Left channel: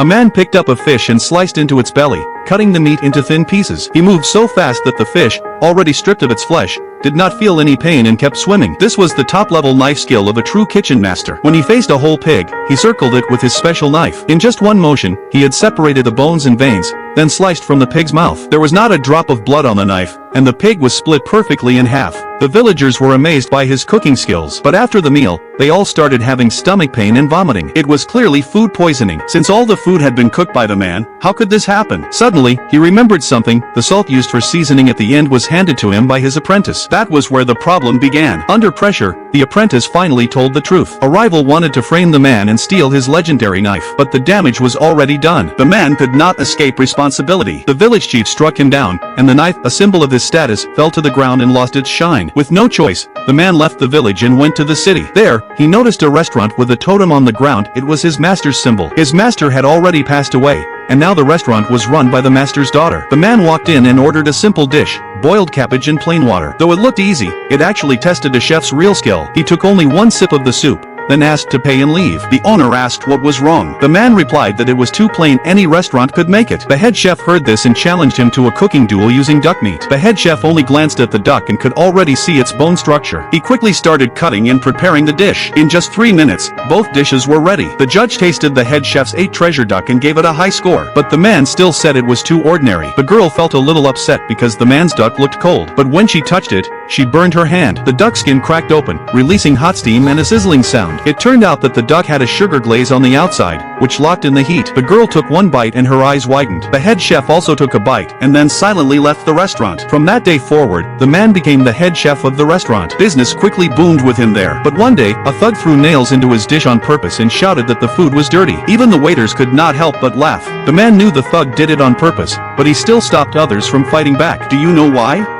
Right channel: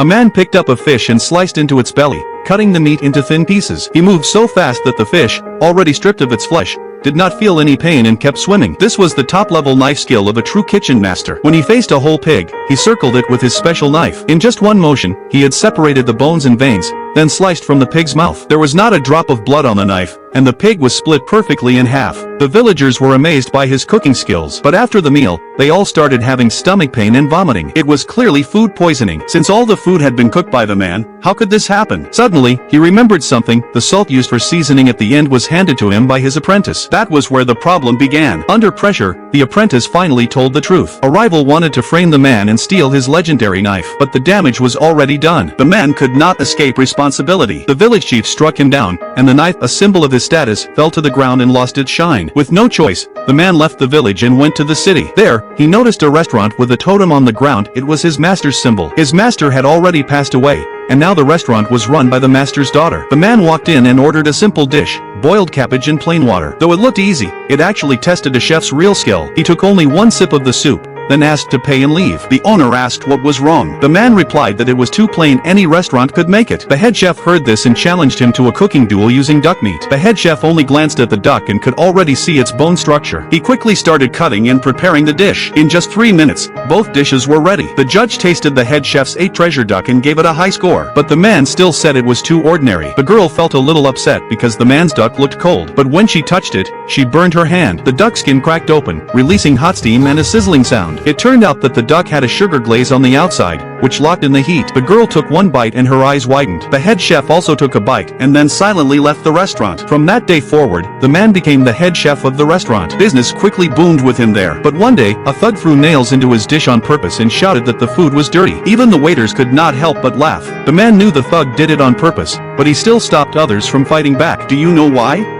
A man picked up a fish and sliced into its belly, cutting the meat into thin pieces. He moved so fast that the fish, already stripped of its flesh, did not feel any pain and kept swimming. This was the top-level knife skill of a true kitchen master. When he faced a whole pig, he circled it with his special knife. In just one motion, he had separated the bones and veins, then sliced from the pig's mouth. There was not a drop of blood on the knife, and the pig was split perfectly in half. The villagers were amazed by his cooking skills, but after the meal, they all started having stomach pain and vomiting. It was clearly food poisoning. Since all the food had been cooked by the man, how could this happen? Suddenly, he remembered something. The salt used for seasoning at the end was handed to him by his apprentice. That was where the problem began. Under pressure, the apprentice finally told the truth. A rival wanted to frame the man and steal his legendary knife, but the damage was already done. The man could not escape responsibility. The village chief struck him down, and the knife, a symbol of his status, fell to the ground and lost its shine. With no choice, the man left the village and went to the city. There, he noticed a restaurant with a totem on the ground. It was his master's symbol. His master had already passed away, and now the restaurant was run by the master's daughter. The man walked in and ordered a simple dish, boiled cabbage and plain water. Though it looked easy, it actually tested a chef's real skill. He took only one sip of the soup, then asked to pay and leave. The owner asked what was wrong. The man replied that it was too plain, any restaurant could make it. The head chef heard this and challenged him to a cooking duel using duck meat. The head chef only glanced at the duck and could already see its bone structure. He quickly started cutting and preparing the dish. In just 3 minutes, both dishes were ready. The judge tasted the head chef's 8 treasure duck and gave it a high score. But the man still said it was too ordinary. The girl felt a little upset because the man's duck looked cold. But when she touched it, she burned her hand. The duck skin cracked open, releasing hot steam and a sizzling sound. It turned out that the duck had a sugar glaze on the outside, which locked in the heat. The girl took one bite and her eyes widened. The head chef also took a bite and then silently left the restaurant. From that day forward, the man became the head chef of the restaurant. Business quickly boomed with him there. But one day, a thug threw nails into his dish on purpose and shouted that the food was dirty. Even the waiters could not help but laugh. The man knew the thug did it on purpose, but he still stopped others from fighting back. Do you know why?